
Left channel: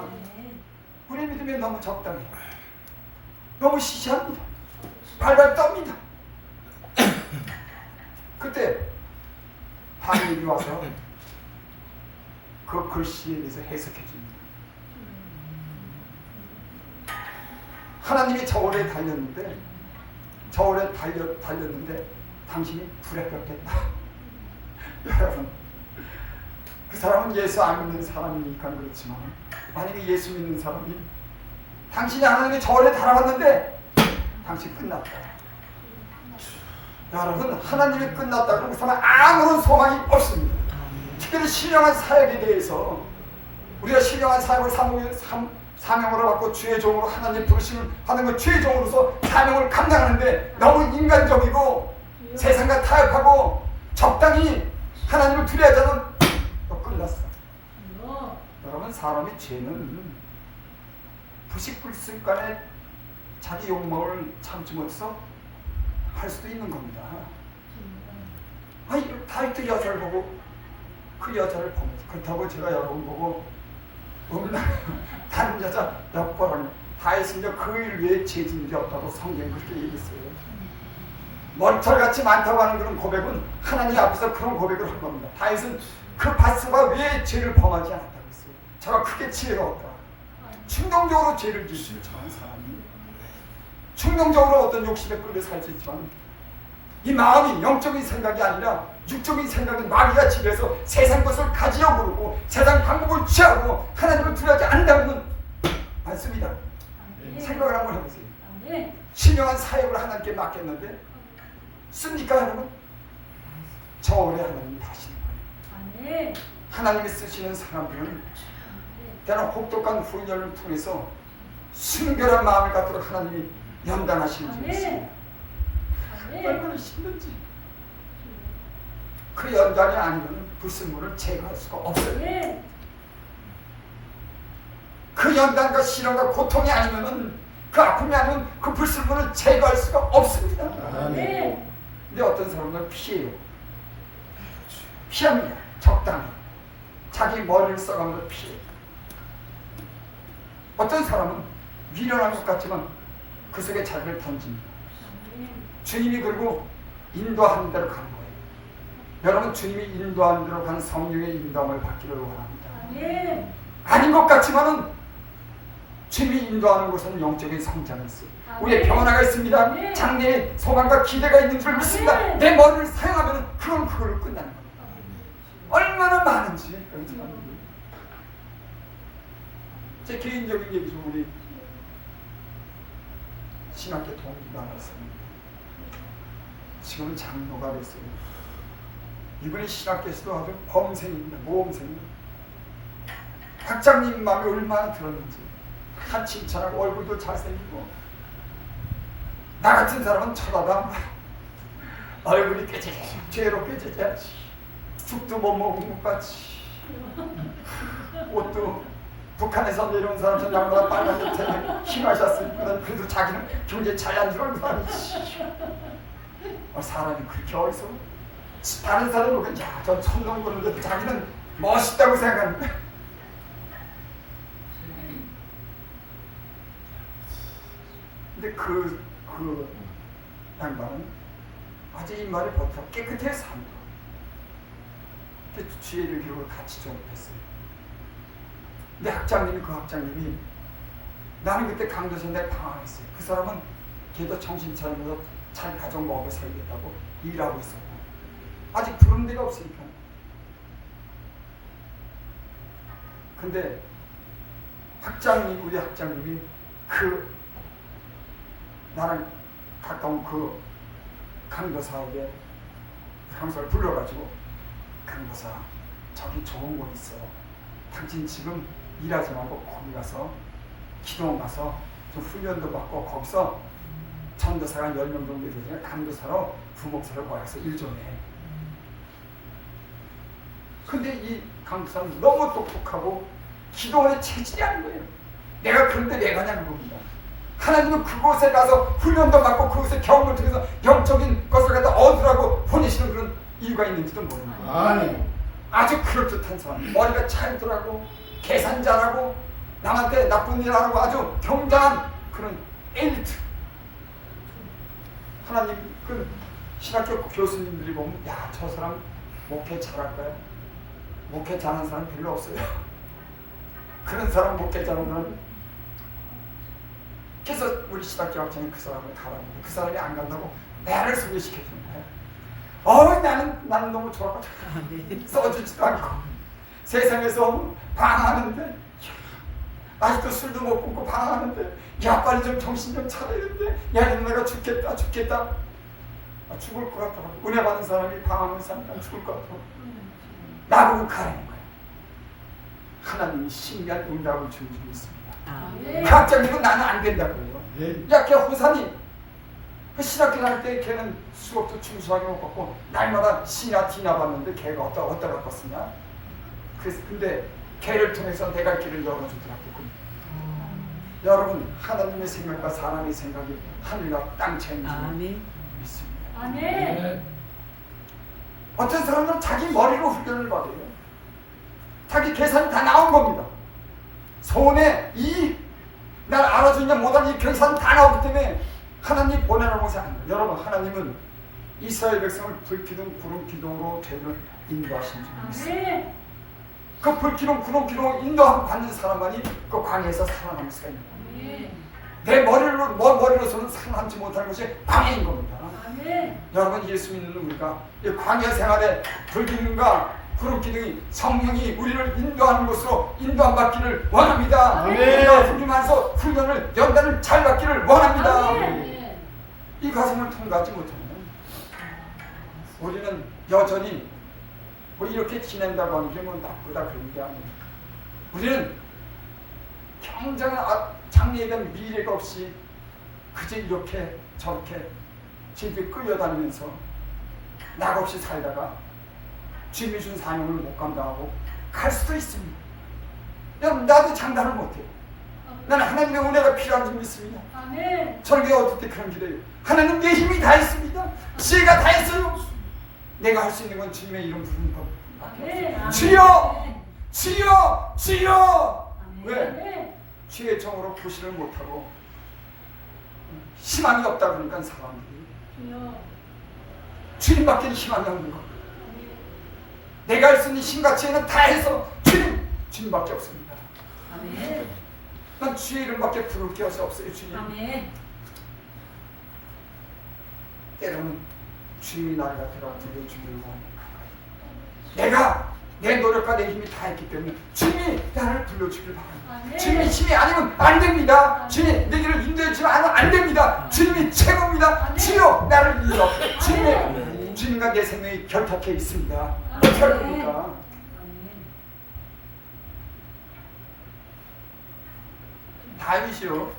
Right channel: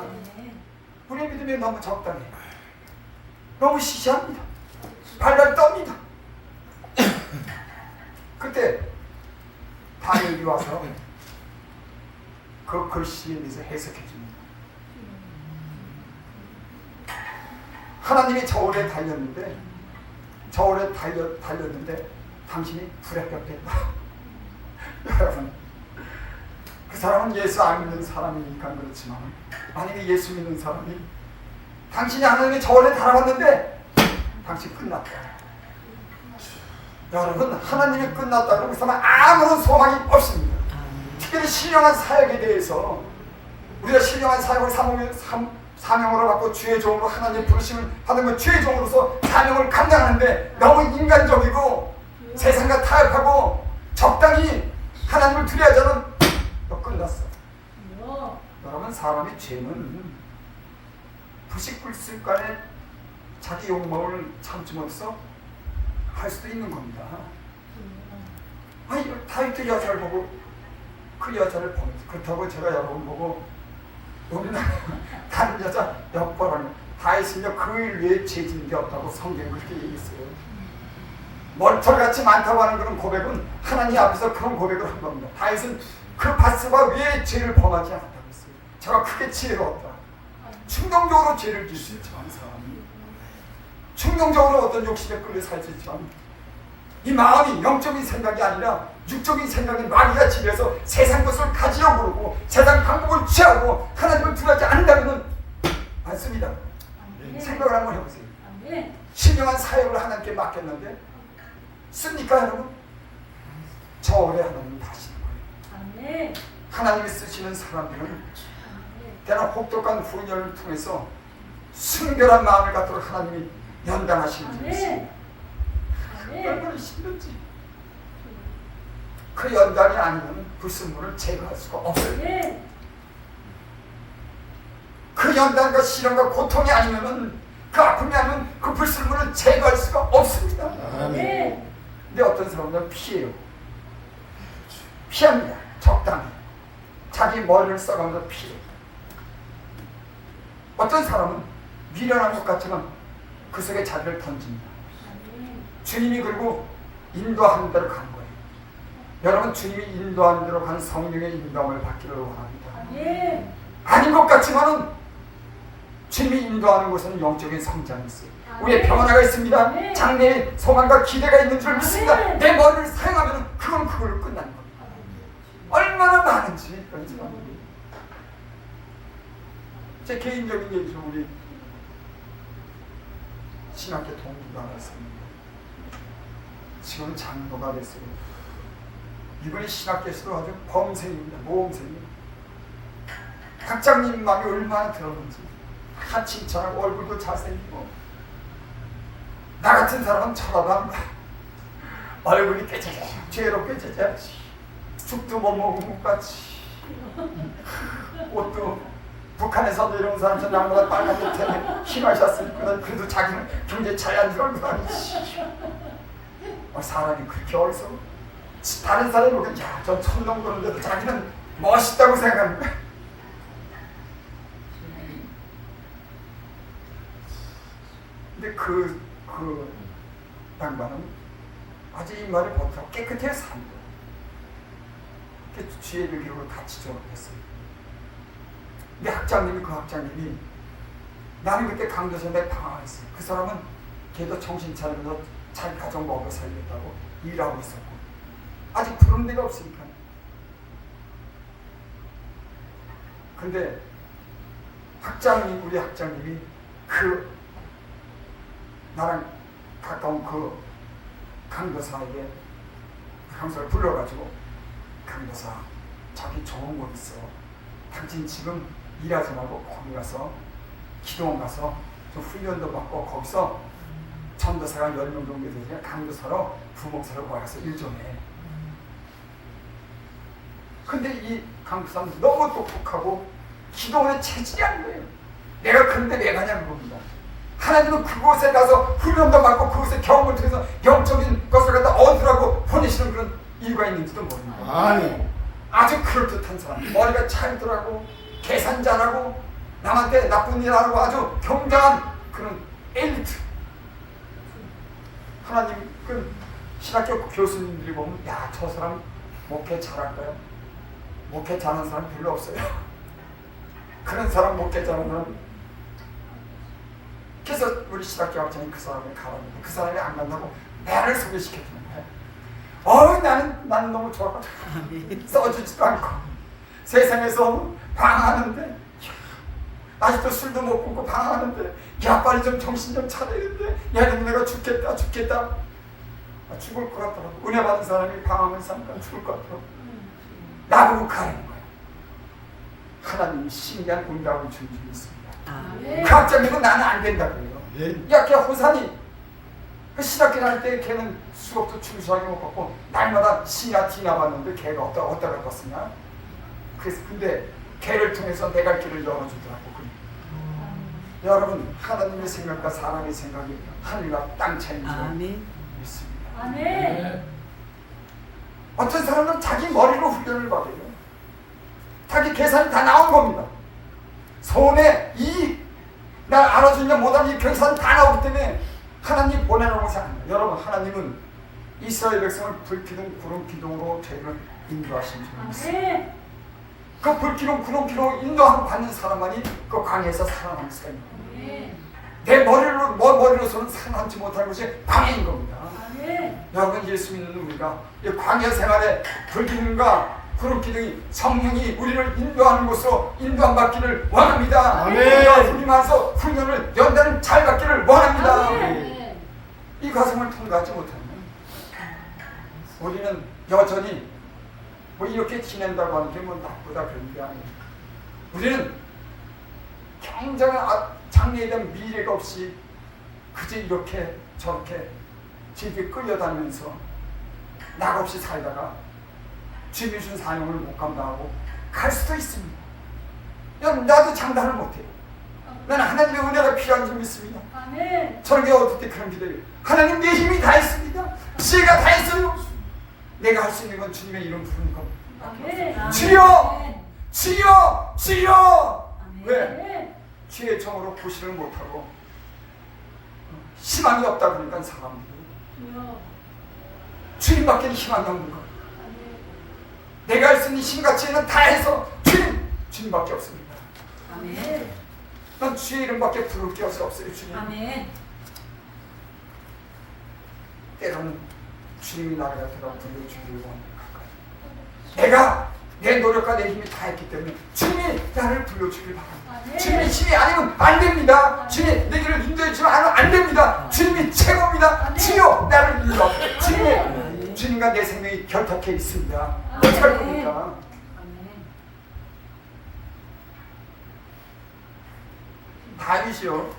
우리의 믿음이 너무 적당해. 너무 시시합니다. 발발 떱니다. 그때 다니엘이 와서 그 글씨에 대해서 해석해 줍니다. 하나님이 저울에 달렸는데 당신이 불에 뺏겼다. 여러분 그 사람은 예수 안 믿는 사람이니까 그렇지만 만약에 예수 믿는 사람이 당신이 하나님의 저울에 달아봤는데 당신 끝났다. 여러분 하나님이 끝났다 그러고 있으면 아무런 소망이 없습니다. 특별히 신령한 사역에 대해서 우리가 신령한 사역을 사명으로 받고 주의 종으로 하나님 부르심을 받는 건 주의 종으로서 사명을 감당하는데 너무 인간적이고 세상과 타협하고 적당히 하나님을 두려워하자는 끝났어. 여러분 사람의 죄는 불식불순간에 자기 욕망을 참지 못해서 할 수도 있는 겁니다. 아니 다윗 여자를 보고 그 여자를 봅니다. 그렇다고 제가 여러분 보고 다른 여자 엿보라는 다윗은요 그 일 외에 죄 짓는 게 없다고 성경이 그렇게 얘기했어요. 머리털같이 많다고 하는 그런 고백은 하나님 앞에서 그런 고백을 한 겁니다. 다윗은 그 바스바 외에 죄를 범하지 않았다고 했어요. 저가 크게 지혜가 없다. 충동적으로 죄를 지을 수 있지만 사람이 충동적으로 어떤 욕심에 끌려 살 수 있지만 이 마음이 영적인 생각이 아니라 육적인 생각은 마귀가 지배해서 세상 것을 가지려고 그러고 세상 방법을 취하고 하나님을 두려워하지 않는다면 않습니다. 생각을 한번 해보세요. 신령한 사역을 하나님께 맡겼는데 씁니까 여러분? 저울에 하나님이 다시는 거예요. 하나님이 쓰시는 사람들은 때나 혹독한 훈련을 통해서 순결한 마음을 갖도록 하나님이 연단하시는 줄 믿습니다. 얼마나 힘든지 그 연단이 아니면 불순물을 제거할 수가 없어요. 그 연단과 시련과 고통이 아니면 그 아픔이 아니면 그 불순물을 제거할 수가 없습니다. 아멘. 근데 어떤 사람은 피해요. 피합니다. 적당히. 자기 머리를 써가면서 피해. 어떤 사람은 미련한 것 같지만 그 속에 자기를 던집니다. 주님이 그리고 인도하는 대로 간 거예요. 여러분, 주님이 인도하는 대로 간 성령의 인도함을 받기를 원합니다. 아닌 것 같지만은 주님이 인도하는 곳에는 영적인 성장이 있어요. 우리의 평안화가 있습니다. 장래에 소망과 기대가 있는 줄 믿습니다. 내 머리를 사용하면 그건 그걸로 끝나는 겁니다. 얼마나 많은지 그런 사람들이. 제 개인적인 얘기죠. 우리 신학교 동기가 하나 있습니다. 지금은 장로가 됐어요. 이분이 신학교에서도 아주 범생입니다. 모범생입니다. 학장님 마음이 얼마나 들었는지 다 칭찬하고 얼굴도 잘생기고, 나 같은 사람은 쳐다도 얼굴이 깨지게 죄로 깨지게 죽도 못 먹은 것 같이, 옷도 북한에서 내려온 사람처럼 양보다 빨간 옷에 힘하셨으니까 그래도 자기는 굉장히 자연스러운 사람이지. 사람이 그렇게 어리석어. 다른 사람이 보면 저 천둥 그런데도 자기는 멋있다고 생각하는 거야. 근데 그 양반은 아주 이 말을 버텨 깨끗하게 삽니다. 지혜를 기로 같이 졸업했어요. 근데 그 학장님이 나는 그때 강도에서 내가 당황했어요. 그 사람은 걔도 정신 차리면서 자기 가정 먹여 살겠다고 일하고 있었고 아직 부른 데가 없으니까. 근데 우리 학장님이 나랑 가까운 그 강도사에게 강도사를 불러가지고, 강도사, 저기 좋은 곳 있어. 당신 지금 일하지 말고 거기 가서 기도원 가서 좀 훈련도 받고 거기서 전도사가 10명 정도 되잖아요. 강도사로 부목사로 와서 일 좀 해. 근데 이 강도사는 너무 똑똑하고 기도원에 체질이 안 거예요. 그런데 내가 가냐는 겁니다. 하나님은 그곳에 가서 훈련도 받고 그곳에 경험을 통해서 영적인 것을 갖다 얻으라고 보내시는 그런 이유가 있는지도 모릅니다. 아주 그럴듯한 사람, 머리가 찰더라고, 계산 잘하고, 남한테 나쁜 일 하고 아주 경장한 그런 엘리트. 하나님 그 신학교 교수님들이 보면 저 사람 목회 잘할까요? 목회 잘하는 사람 별로 없어요. 그런 사람 목회 잘하는 사람. 그래서 우리 신학교 학생이 그 사람을 가봤는데 그 사람이 안 간다고 나를 소개시켜주는 거예요. 나는 너무 좋았거든. 써주지도 않고 세상에서 방황하는데, 아직도 술도 못 끊고 방황하는데, 빨리 좀 정신 좀 차리는데, 내가 죽겠다. 죽을 것 같더라고. 은혜 받은 사람이 방황하면서 하니까 죽을 것 같더라고. 나보고 가라는 거야. 하나님이 신기한 응답을 주는 줄 믿습니다. 그 학장님은 나는 안 된다고 해요. 걔 호산이 그 신학교 다닐 때 걔는 수업도 충실하게 못 받고 날마다 C나 D나 봤는데 걔가 어디다 갔었냐. 근데 걔를 통해서 내가 길을 열어주더라고. 여러분, 하나님의 생각과 사람의 생각이 하늘과 땅 차이인 줄 믿습니다. 어떤 사람은 자기 머리로 훈련을 받아요. 자기 계산이 다 나온 겁니다. 손에 날 알아주냐 못하냐 이 계산 다 나오기 때문에 하나님 보내라고 생각합니다. 여러분, 하나님은 이스라엘 백성을 불기둥 구름 기둥으로 죄를 인도하신 줄 믿습니다. 그 불기둥 구름 기둥 인도함 받는 사람만이 그 광야에서 살아남을 수가 있는 겁니다. 내 머리로서는 살아남지 못하는 것이 광야인 겁니다. 여러분, 예수 믿는 우리가 이 광야 생활에 불기둥과 구름 기둥이 성령이 우리를 인도하는 곳으로 인도함 받기를 원합니다. 우리가 훈련하면서 훈련을 연단을 잘 받기를 원합니다. 이 과정을 통과하지 못하면 우리는 여전히 이렇게 지낸다고 하는 게 나쁘다 그런 게 아니에요. 우리는 굉장한 장래에 대한 미래가 없이 그저 이렇게 저렇게 집에 끌려다니면서 낙 없이 살다가 주님이 준 사명을 못 감당하고 갈 수도 있습니다. 여러분, 나도 장담을 못해요. 나는 하나님의 은혜가 필요한 줄 믿습니다. 아멘. 저는 게 어떻게 그런 기도해요? 하나님 내 힘이 다 있습니다. 지혜가 다 있어요. 내가 할 수 있는 건 주님의 이름 부르는 것. 아멘. 주여! 주여! 주여! 아멘. 왜? 주의 정으로 구실을 못하고 희망이 없다 보니까 사람들이 주여. 주님밖에 희망이 없는 것. 아멘. 내가 할 수 있는 힘과 지혜는 다 해서 주님밖에 없습니다. 아멘. 난 주의 이름밖에 부를 게 없어요. 주님. 아멘. 때로는 주님이 나를 갖다가 불러주기를 원합니다. 내가 내 노력과 내 힘이 다 했기 때문에 주님이 나를 불러주길 바랍니다. 주님의 힘이 아니면 안 됩니다. 주님이 내 길을 인도해주면 안 됩니다. 주님이 최고입니다. 주여 나를 인도. 주님과 내 생명이 결탁해 있습니다. 어떻게 할 겁니까? 다윗이요.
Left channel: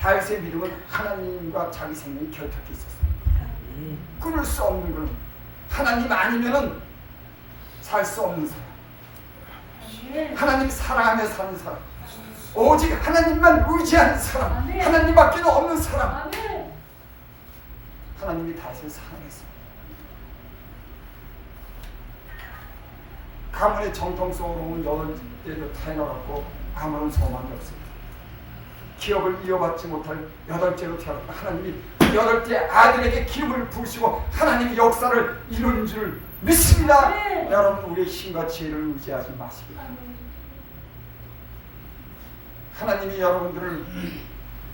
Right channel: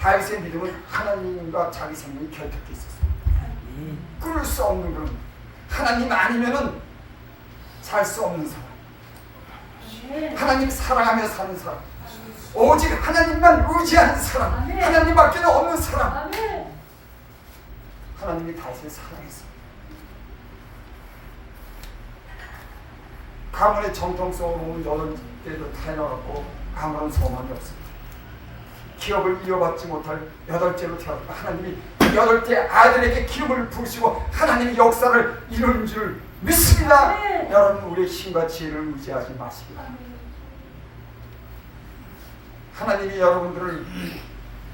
다윗의 믿음은 하나님과 자기 생명이 결탁해 있었어요. 끊을 수 없는 건 하나님 아니면은 살 수 없는 사람. 하나님 사랑하며 사는 사람. 오직 하나님만 의지하는 사람. 하나님밖에 없는 사람. 하나님이 다윗을 사랑했어요. 가문의 정통성으로 오는 8대도 태어났고 아무런 소망이 없습니다. 기업을 이어받지 못할 8째로 태어났고 하나님이 8대 아들에게 기업을 부으시고 하나님이 역사를 이룬 줄 믿습니다. 여러분 우리의 힘과 지혜를 의지하지 마시고 하나님이 여러분들을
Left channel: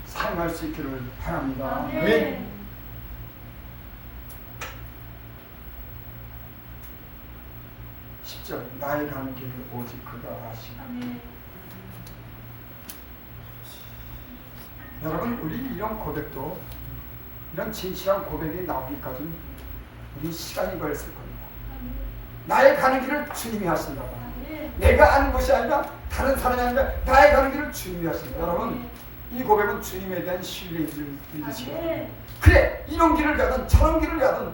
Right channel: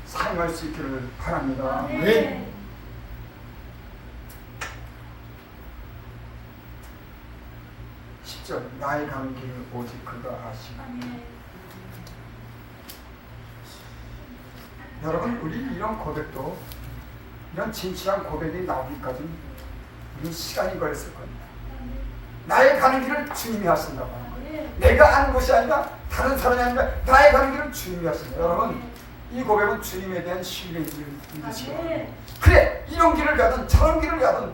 사용할 수 있기를 바랍니다. 10절 나의 가는 길을 오직 그가 아시고 여러분 우리 이런 고백도 이런 진실한 고백이 나오기까지는 우리 시간이 걸렸을 겁니다. 나의 가는 길을 주님이 하신다고 내가 아는 것이 아니라 다른 사람이 아니라 나의 가는 길을 주님이 하신다. 여러분 이 고백은 주님에 대한 신뢰인 줄 믿으시고 그래 이런 길을 가든 저런 길을 가든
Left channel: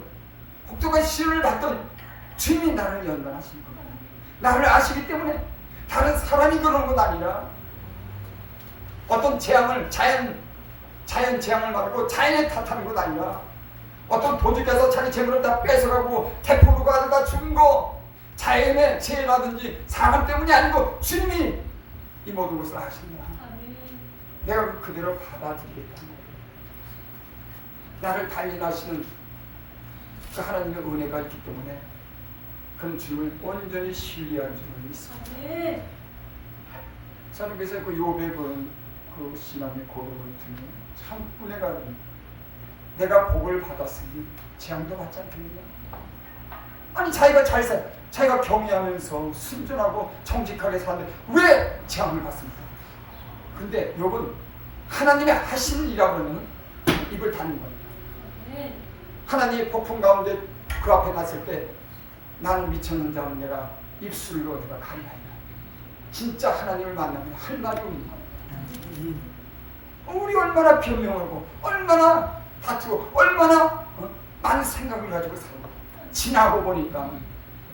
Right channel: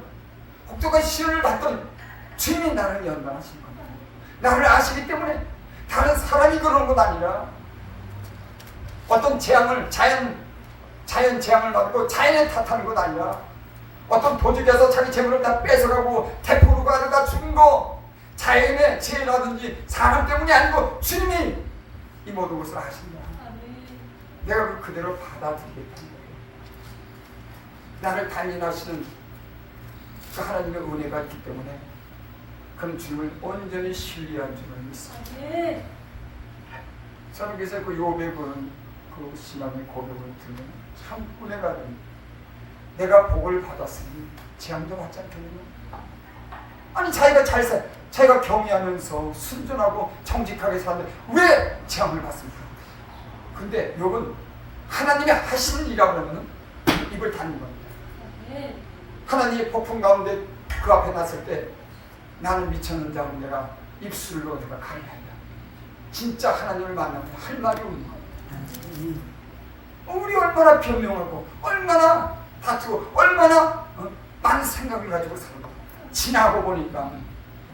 혹독한 시련을 받든 주님이 나를 연단하신 겁니다. 나를 아시기 때문에 다른 사람이 그런 건 아니라 어떤 재앙을 자연 재앙을 받고 자연에 탓하는 것 아니라 어떤 도둑에서 자기 재물을 다 뺏어가고 대포로 가다가 죽은 거 자연의 재해라든지 사람 때문이 아니고 주님이 이 모든 것을 하신다. 내가 그대로 받아들이겠다는 거예요. 나를 단련하시는 그 하나님의 은혜가 있기 때문에 그런 주님을 온전히 신뢰한 줄을 믿습니다. 저는 그래서 그 욥의 그 신앙의 고백을 들으면 참 은혜가 됩니다. 내가 복을 받았으니 재앙도 받지 않겠느냐? 아니 자기가 잘 살, 자기가 경외하면서 순전하고 정직하게 사는데 왜 재앙을 받습니까? 근데 욥은 하나님이 하시는 일이라고 하면 입을 닫는 겁니다. 하나님의 폭풍 가운데 그 앞에 났을 때 나는 미쳤는 자는 내가 입술로 내가 가리하리라. 진짜 하나님을 만나면 할 말이 없는 거예요. 우리 얼마나 변명하고 얼마나 다투고 얼마나 많은 생각을 가지고 사는 거예요. 지나고 보니까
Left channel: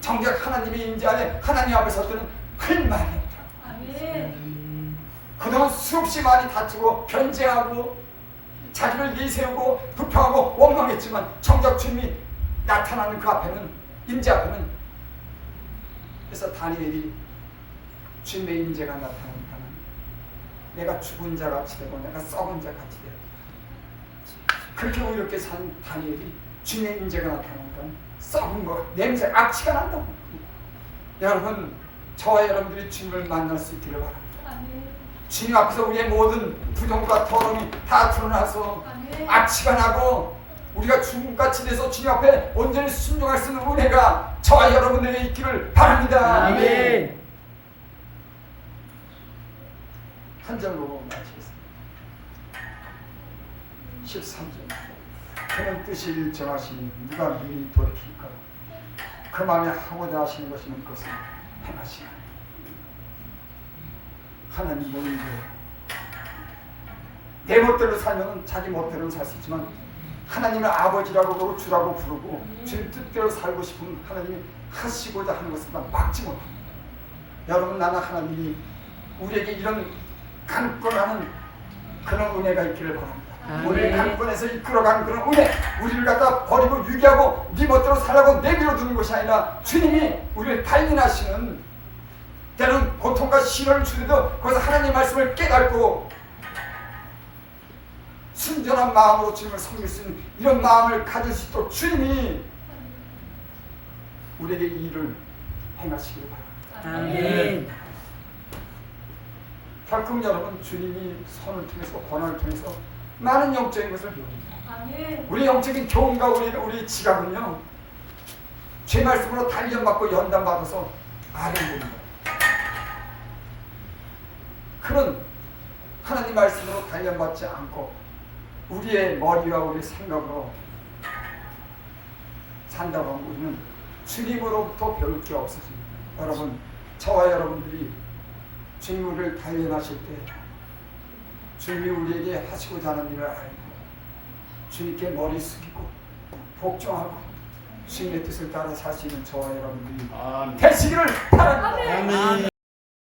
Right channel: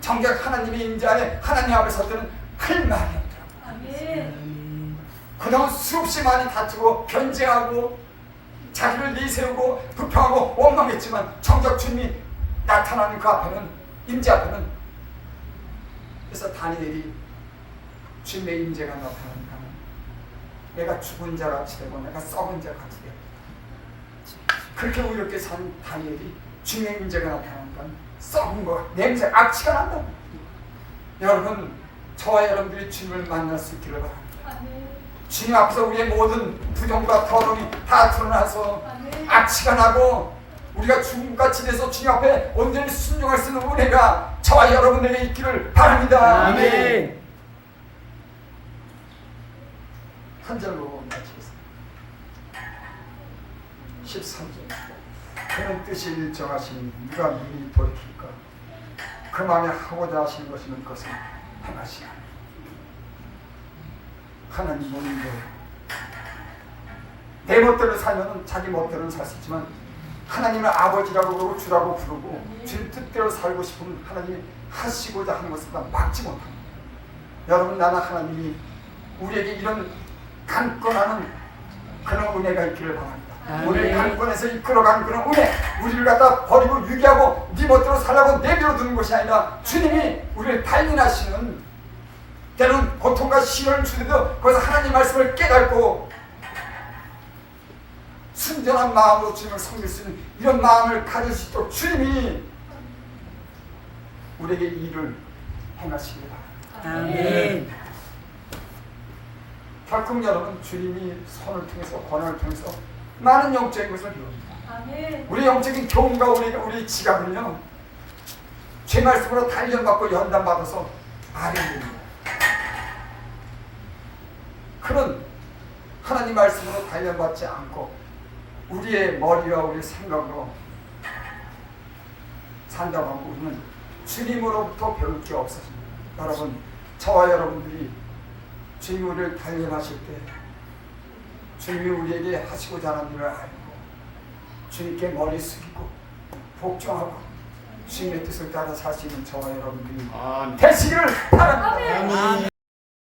정작 하나님의 임재 안에 하나님 앞에 설 때는 할 말이 없더라고요. 그동안 수없이 많이 다투고 변제하고 자기를 내세우고 불평하고 원망했지만 정작 주님이 나타나는 그 앞에는 임재 앞에는 그래서 다니엘이 주님의 임재가 나타나니까 내가 죽은 자 같이 되고 내가 썩은 자 같이 되고 그렇게 의롭게 산 다니엘이 주님의 임재가 나타나니까 썩은 거 냄새 악취가 난다. 여러분 저와 여러분들이 주님을 만날 수 있기를 바랍니다. 주님 앞에서 우리의 모든 부정과 더러움이 다 드러나서 악취가 나고 우리가 죽음같이 돼서 주님 앞에 온전히 순종할 수 있는 은혜가 저와 여러분에게 있기를 바랍니다. 아멘. 한 절로 마치겠습니다. 13절 그는 뜻이 일정하시니 누가 미리 돌이킬까? 그 마음에 하고자 하시는 것이면 그것을 행하시나. 하나님은 내 멋대로 살면 자기 멋대로는 살 수 있지만 하나님을 아버지라고 부르고 주라고 부르고 주님 뜻대로 살고 싶은 하나님이 하시고자 하는 것을 막지 못합니다. 여러분 나는 하나님이 우리에게 이런 강권하는 그런 은혜가 있기를 바랍니다. 아멘. 우리를 강권해서 이끌어가는 그런 은혜, 우리를 갖다 버리고 유기하고 네 멋대로 살라고 내버려 두는 것이 아니라 주님이 우리를 단련하시는, 때로는 고통과 시련을 주더라도 거기서 하나님 말씀을 깨닫고 순전한 마음으로 주님을 섬길 수 있는 이런 마음을 가질 수 있도록 주님이 우리에게 일을 행하시길 바랍니다. 아멘. 결국 여러분, 주님이 선을 통해서, 권한을 통해서 많은 영적인 것을 배웁니다. 아멘. 우리 영적인 교훈과 우리 지갑은요, 죄 말씀으로 단련받고 연단받아서 아련됩니다. 그런 하나님 말씀으로 단련받지 않고 우리의 머리와 우리의 생각으로 산다고 하면 우리는 주님으로부터 배울 게 없어집니다. 여러분, 저와 여러분들이 주님 우리를 단련하실 때 주님이 우리에게 하시고자 하는 일을 알고 주님께 머리 숙이고 복종하고 주님의 뜻을 따라 살 수 있는 저와 여러분들이 되시기를 바랍니다.